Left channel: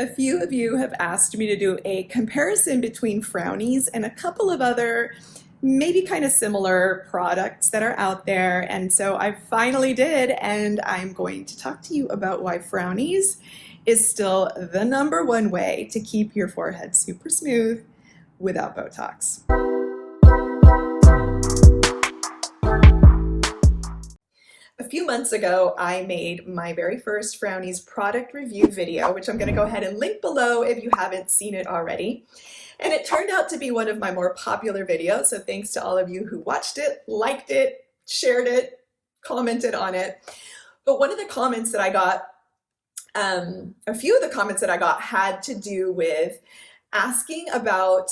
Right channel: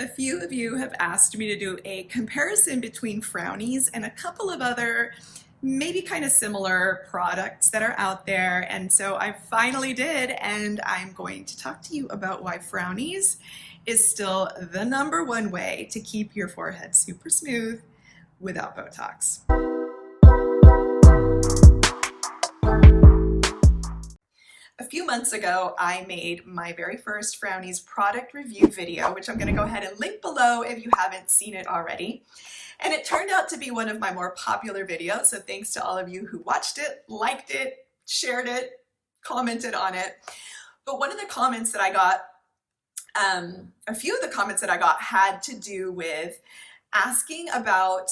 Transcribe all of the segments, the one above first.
A few of you have asked me to do a comparison between Frownies and a couple of other maybe kind of similar products that are out there. And so I finally did, and I'm going to talk to you about why Frownies is still the #1 way to keep your forehead super smooth without Botox. A few months ago, I made my very first Frownies product review video, which I'm going to go ahead and link below if you haven't seen it already. And it turned out to be one of my more popular videos. So thanks to all of you who watched it, liked it, shared it, commented on it. But one of the comments that I got, a few of the comments that I got had to do with asking about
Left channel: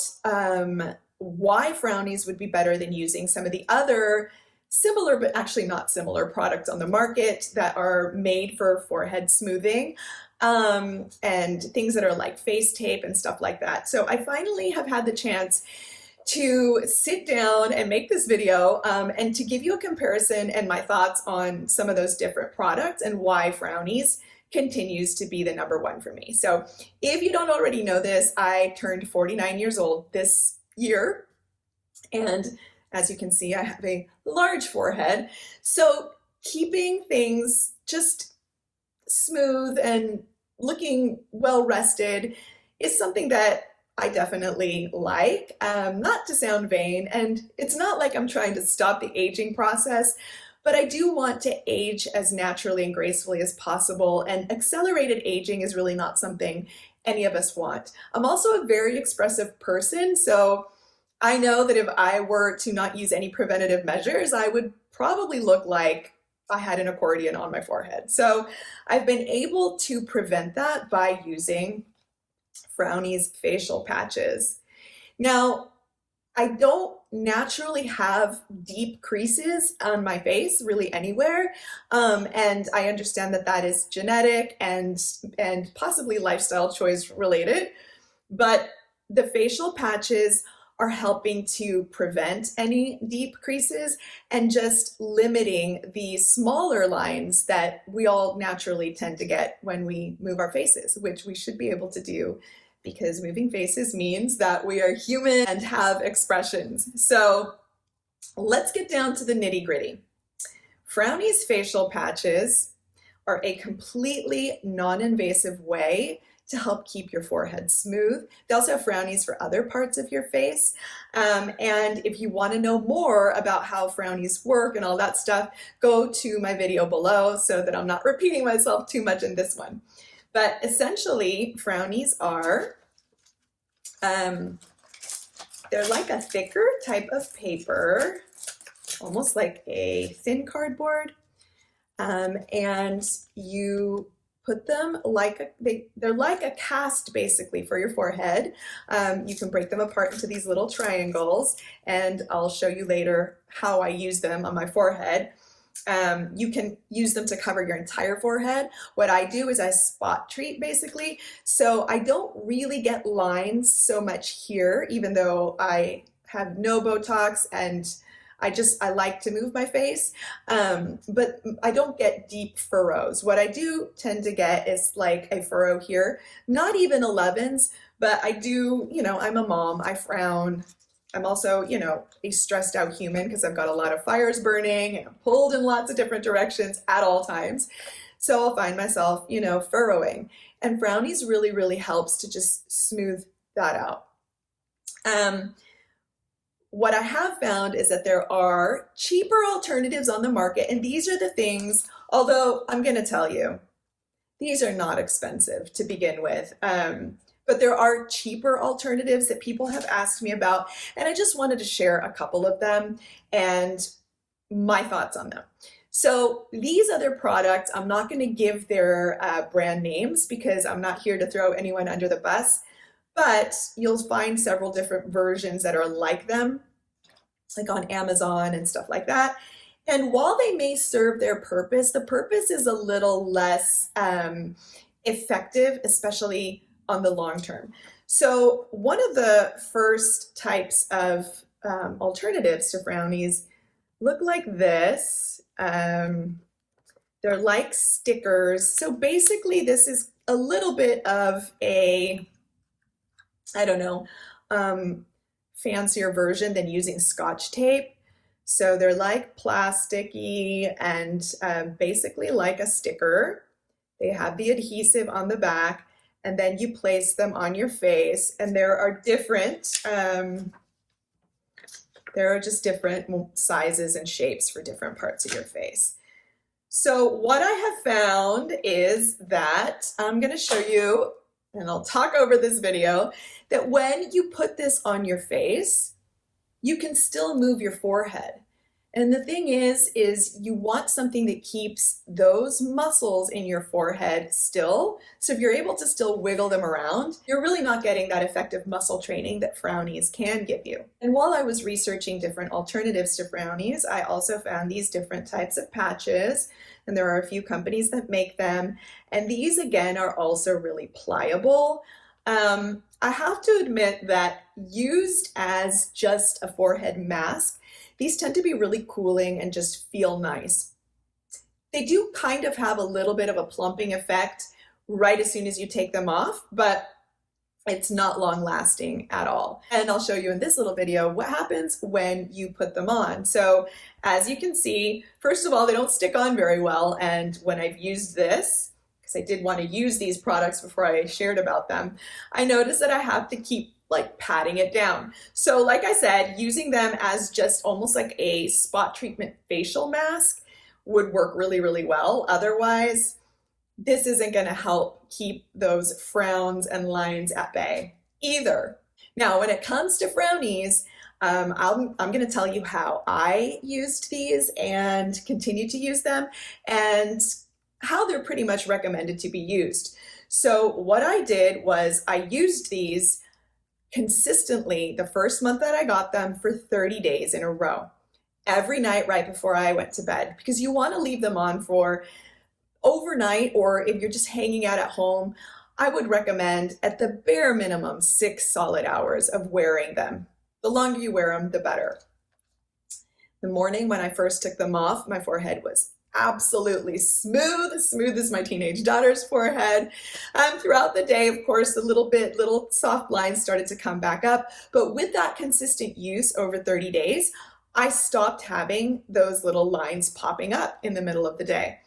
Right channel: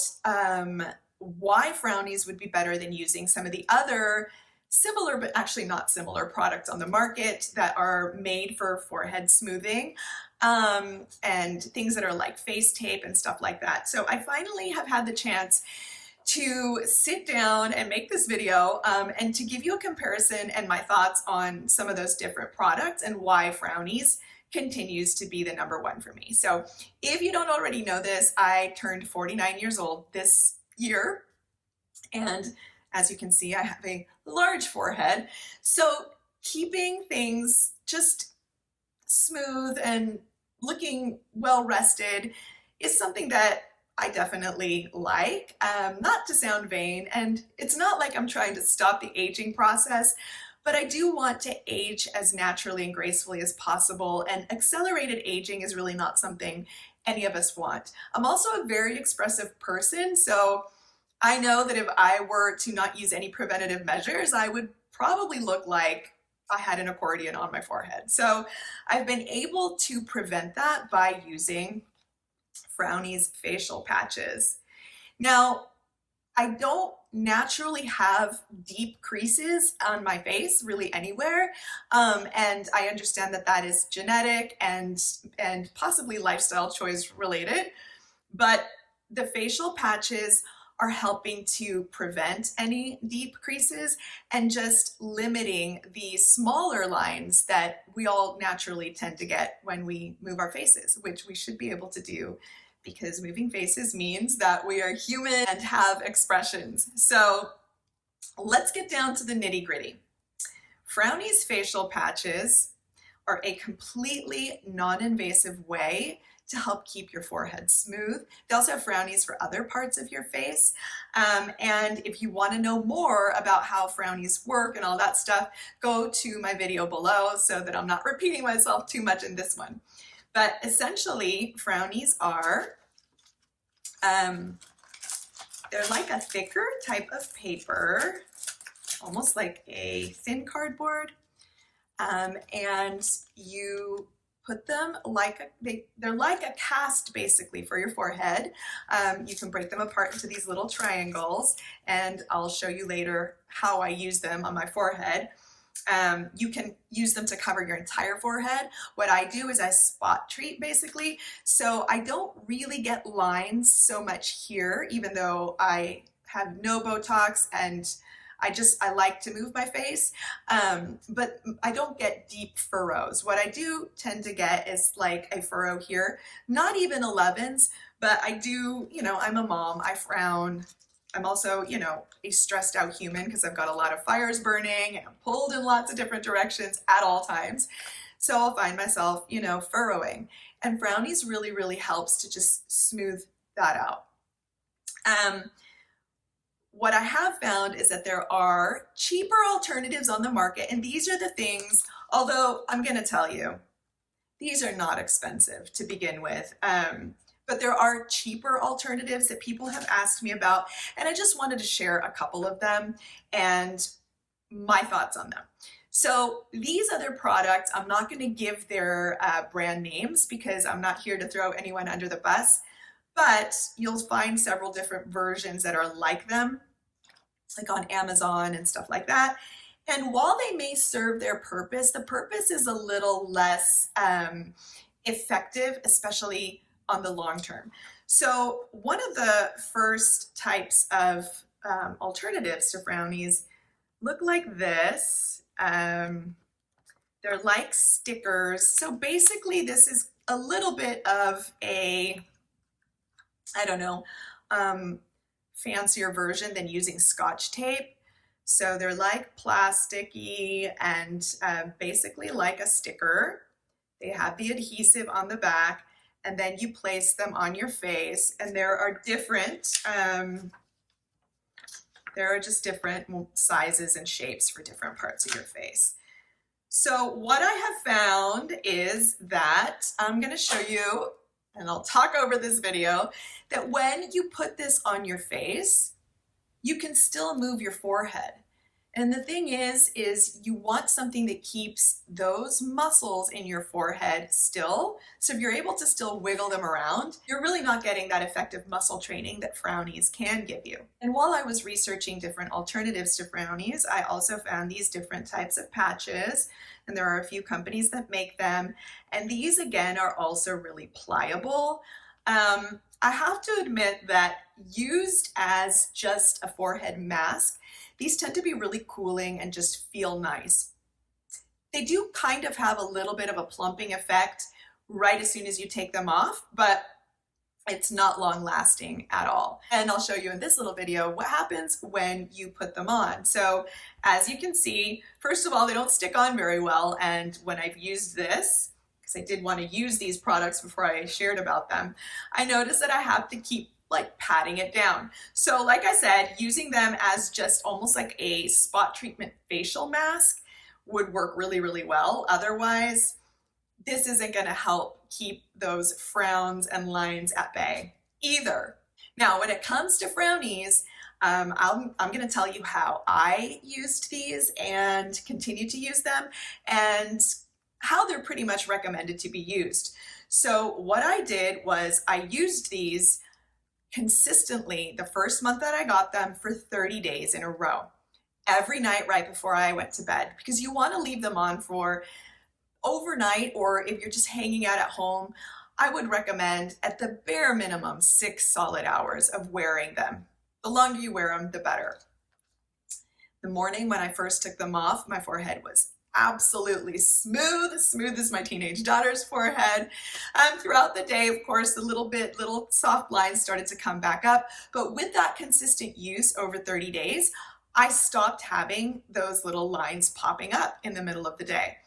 why Frownies would be better than using some of the other similar, but actually not similar products on the market that are made for forehead smoothing, and things that are like face tape and stuff like that. So I finally have had the chance to sit down and make this video and to give you a comparison and my thoughts on some of those different products and why Frownies continues to be the #1 for me. So if you don't already know this, I turned 49 years old this year, and as you can see, I have a large forehead. So keeping things just smooth and looking well rested is something that I definitely like. Not to sound vain, and it's not like I'm trying to stop the aging process, but I do want to age as naturally and gracefully as possible, and accelerated aging is really not something any of us want. I'm also a very expressive person, so I know that if I were to not use any preventative measures, I would probably look like I had an accordion on my forehead. So I've been able to prevent that by using Frownies facial patches. Now, I don't naturally have deep creases on my face, really anywhere. And I understand that that is genetic and possibly lifestyle choice related, but the facial patches are helping to prevent any deep creases and just limiting the smaller lines that we all naturally tend to get when we move our faces, which we should be able to do because moving faces means that we are human and have expressions. So let's get down to the nitty-gritty. Frownies facial patches are a completely non-invasive way to help keep your forehead smooth. They also have Frownies for other parts of your face. And if you want to know more about how Frownies work and all that stuff, go to my video below so that I'm not repeating myself too much in this one. But essentially, Frownies are, they're like a thicker type of paper, almost like a thin cardboard. And you put them like they're like a cast basically for your forehead. You can break them apart into these little triangles, and I'll show you later how I use them on my forehead. You can use them to cover your entire forehead. What I do is I spot treat basically, so I don't really get lines so much here, even though I have no Botox and I like to move my face, but I don't get deep furrows. What I do tend to get is like a furrow here, not even 11s, but I do, I'm a mom, I frown. I'm also, a stressed out human because I've got a lot of fires burning and I'm pulled in lots of different directions at all times. So I'll find myself, furrowing. And Frownies really, really helps to just smooth that out. What I have found is that there are cheaper alternatives on the market, and these are the things, although I'm going to tell you, these are not expensive to begin with, but there are cheaper alternatives that people have asked me about, and I just wanted to share a couple of them and my thoughts on them. So these other products, I'm not going to give their brand names because I'm not here to throw anyone under the bus, but you'll find several different versions that are like them, like on Amazon and stuff like that. And while they may serve their purpose, the purpose is a little less effective, especially on the long term. So one of the first types of alternatives to Frownies look like this. They're like stickers. So basically this is a little bit of a, I don't know, fancier version than using Scotch tape. So they're like plasticky and basically like a sticker. They have the adhesive on the back, and then you place them on your face, and there are just different sizes and shapes for different parts of your face. So what I have found is that I'm going to show you, and I'll talk over this video, that when you put this on your face, you can still move your forehead. And the thing is you want something that keeps those muscles in your forehead still. So if you're able to still wiggle them around, you're really not getting that effective muscle training that Frownies can give you. And while I was researching different alternatives to Frownies, I also found these different types of patches, and there are a few companies that make them. And these, again, are also really pliable. I have to admit that used as just a forehead mask, these tend to be really cooling and just feel nice. They do kind of have a little bit of a plumping effect right as soon as you take them off, but it's not long lasting at all. And I'll show you in this little video what happens when you put them on. So as you can see, first of all, they don't stick on very well. And when I've used this, because I did want to use these products before I shared about them, I noticed that I have to keep like patting it down. So like I said, using them as just almost like a spot treatment facial mask would work really, really well. Otherwise, this isn't going to help keep those frowns and lines at bay either. Now, when it comes to Frownies, I'm going to tell you how I used these and continue to use them, and how they're pretty much recommended to be used. So what I did was I used these consistently the first month that I got them for 30 days in a row, every night right before I went to bed, because you want to leave them on for overnight, or if you're just hanging out at home, I would recommend at the bare minimum 6 solid hours of wearing them. The longer you wear them, the better. The morning when I first took them off, my forehead was absolutely smooth as my teenage daughter's forehead. Throughout the day, of course, the little soft lines started to come back up. But with that consistent use over 30 days, I stopped having those little lines popping up in the middle of the day.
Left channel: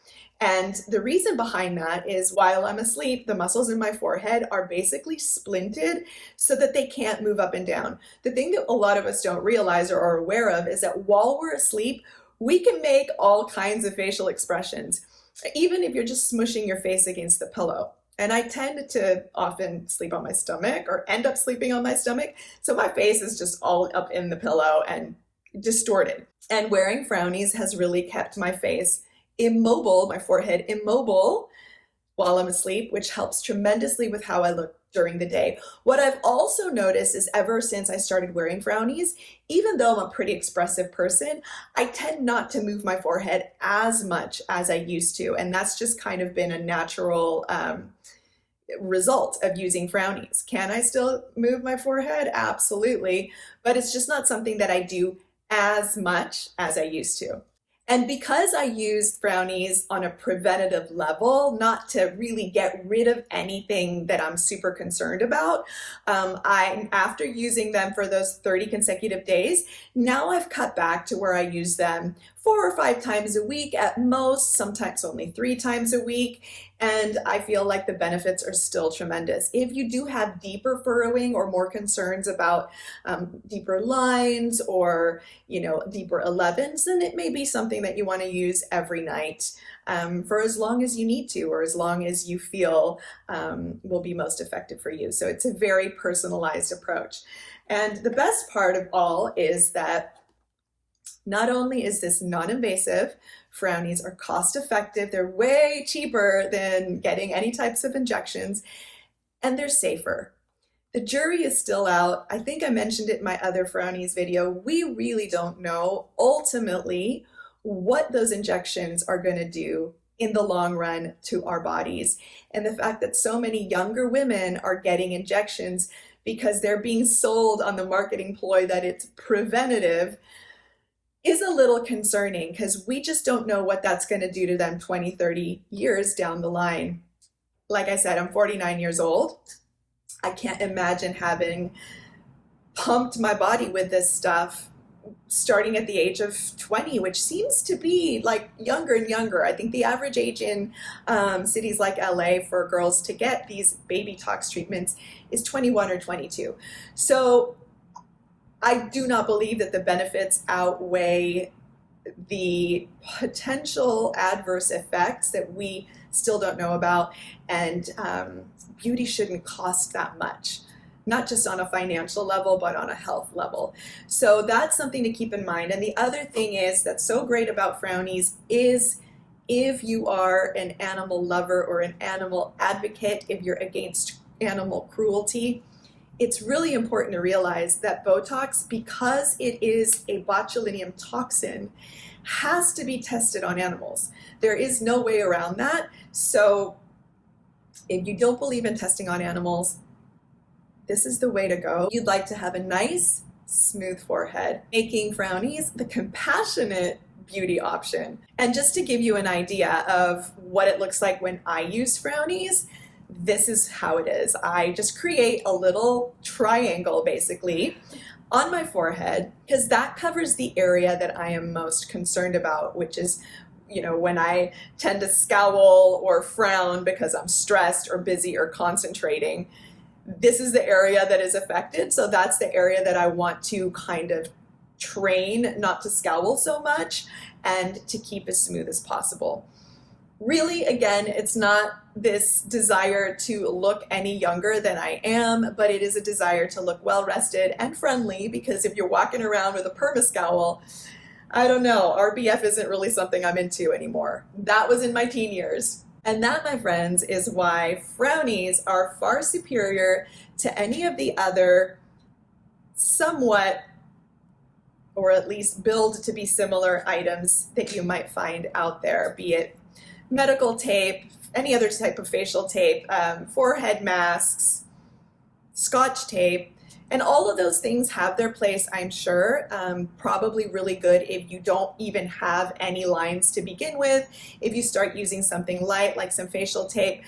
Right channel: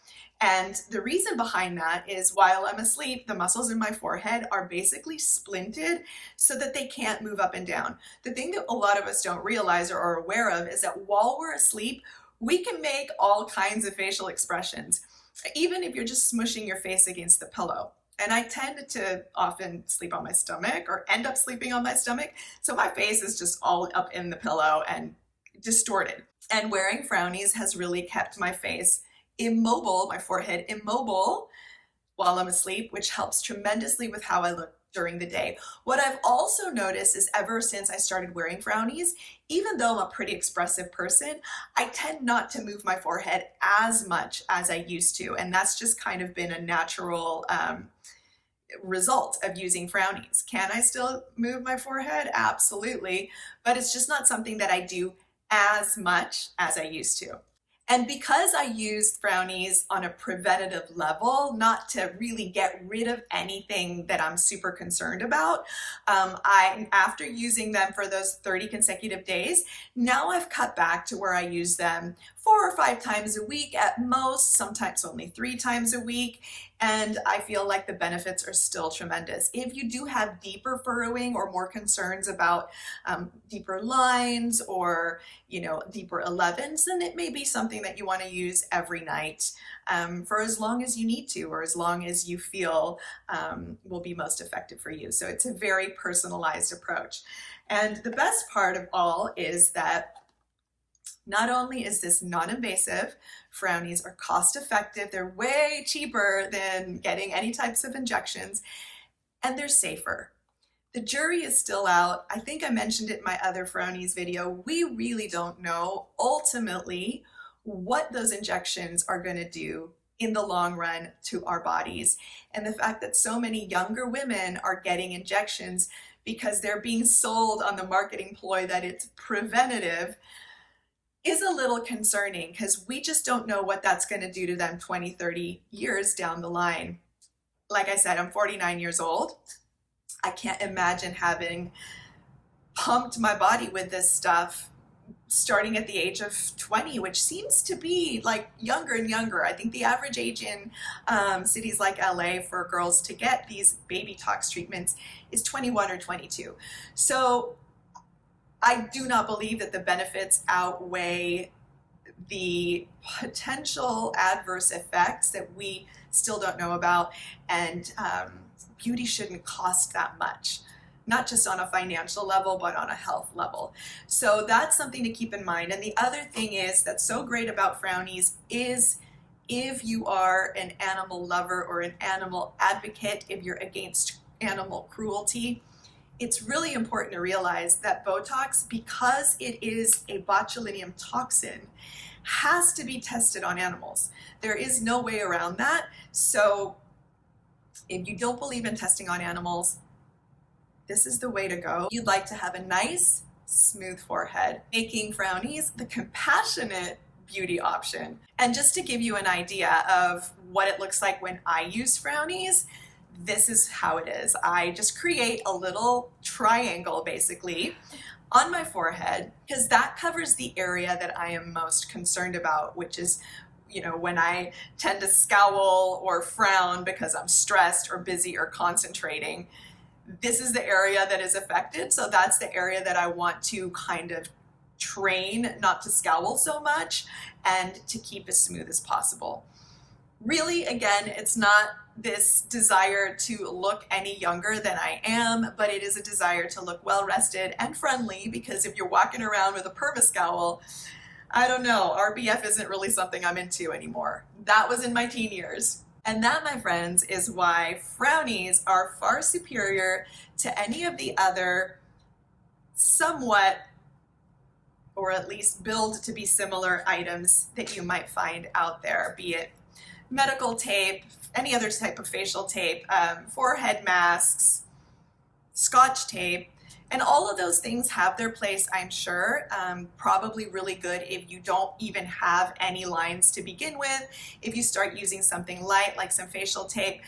And the reason behind that is while I'm asleep, the muscles in my forehead are basically splinted so that they can't move up and down. The thing that a lot of us don't realize or are aware of is that while we're asleep, we can make all kinds of facial expressions, even if you're just smushing your face against the pillow. And I tend to often sleep on my stomach or end up sleeping on my stomach. So my face is just all up in the pillow and distorted. And wearing Frownies has really kept my face immobile, my forehead immobile while I'm asleep, which helps tremendously with how I look during the day. What I've also noticed is ever since I started wearing Frownies, even though I'm a pretty expressive person, I tend not to move my forehead as much as I used to. And that's just kind of been a natural result of using Frownies. Can I still move my forehead? Absolutely. But it's just not something that I do as much as I used to. And because I used Frownies on a preventative level, not to really get rid of anything that I'm super concerned about, after using them for those 30 consecutive days, now I've cut back to where I use them 4 or 5 times a week at most, sometimes only 3 times a week. And I feel like the benefits are still tremendous. If you do have deeper furrowing or more concerns about deeper lines or, deeper 11s, then it may be something that you want to use every night for as long as you need to, or as long as you feel will be most effective for you. So it's a very personalized approach. And the best part of all is that not only is this non-invasive, Frownies are cost-effective, they're way cheaper than getting any types of injections, and they're safer. The jury is still out. I think I mentioned it in my other Frownies video. We really don't know ultimately what those injections are going to do in the long run to our bodies. And the fact that so many younger women are getting injections because they're being sold on the marketing ploy that it's preventative is a little concerning, because we just don't know what that's going to do to them 20, 30 years down the line. like I said, I'm 49 years old. I can't imagine having pumped my body with this stuff starting at the age of 20, which seems to be like younger and younger. I think the average age in cities like LA for girls to get these baby tox treatments is 21 or 22. So I do not believe that the benefits outweigh the potential adverse effects that we still don't know about. And beauty shouldn't cost that much, not just on a financial level, but on a health level. So that's something to keep in mind. And the other thing is that's so great about Frownies is if you are an animal lover or an animal advocate, if you're against animal cruelty, it's really important to realize that Botox, because it is a botulinum toxin, has to be tested on animals. There is no way around that. So if you don't believe in testing on animals, this is the way to go. You'd like to have a nice, smooth forehead, making Frownies the compassionate beauty option. And just to give you an idea of what it looks like when I use Frownies, this is how it is. I just create a little triangle basically on my forehead because that covers the area that I am most concerned about, which is, you know, when I tend to scowl or frown because I'm stressed or busy or concentrating. This is the area that is affected. So that's the area that I want to kind of train not to scowl so much and to keep as smooth as possible. Really, again, it's not this desire to look any younger than I am, but it is a desire to look well rested and friendly, because if you're walking around with a perma scowl, I don't know, RBF isn't really something I'm into anymore. That was in my teen years. And that, my friends, is why Frownies are far superior to any of the other somewhat, or at least build to be similar items that you might find out there, be it medical tape, any other type of facial tape, forehead masks, Scotch tape, and all of those things have their place, I'm sure. Probably really good if you don't even have any lines to begin with. If you start using something light like some facial tape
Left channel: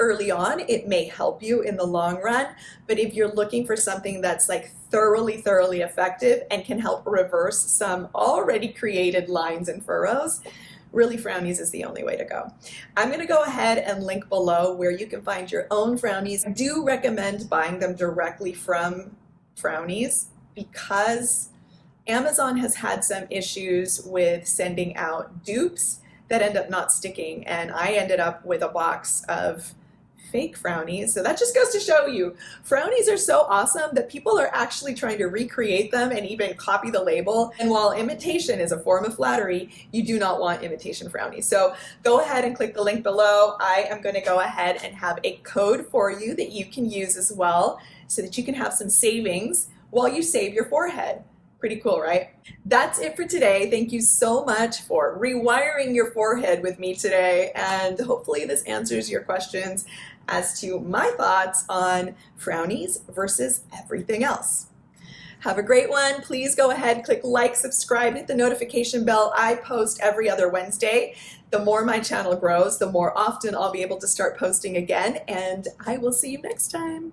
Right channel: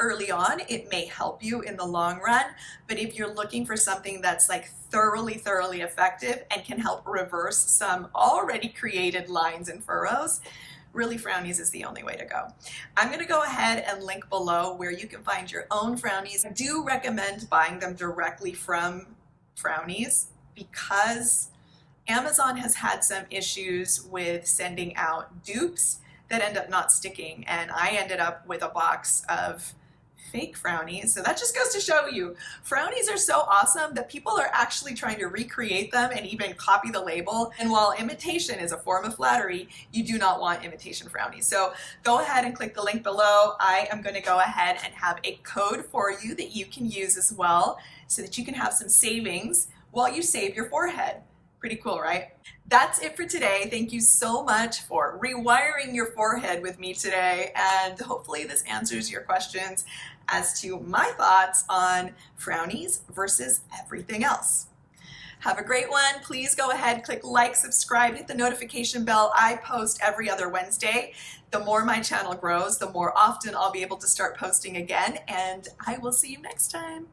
early on, it may help you in the long run. But if you're looking for something that's like thoroughly effective and can help reverse some already created lines and furrows, really Frownies is the only way to go. I'm gonna go ahead and link below where you can find your own Frownies. I do recommend buying them directly from Frownies because Amazon has had some issues with sending out dupes that end up not sticking, and I ended up with a box of fake Frownies. So that just goes to show you, Frownies are so awesome that people are actually trying to recreate them and even copy the label. And while imitation is a form of flattery, you do not want imitation Frownies. So go ahead and click the link below. I am going to go ahead and have a code for you that you can use as well so that you can have some savings while you save your forehead. Pretty cool, right? That's it for today. Thank you so much for rewiring your forehead with me today. And hopefully this answers your questions as to my thoughts on Frownies versus everything else. Have a great one. Please go ahead, click like, subscribe, hit the notification bell. I post every other Wednesday. The more my channel grows, the more often I'll be able to start posting again, and I will see you next time.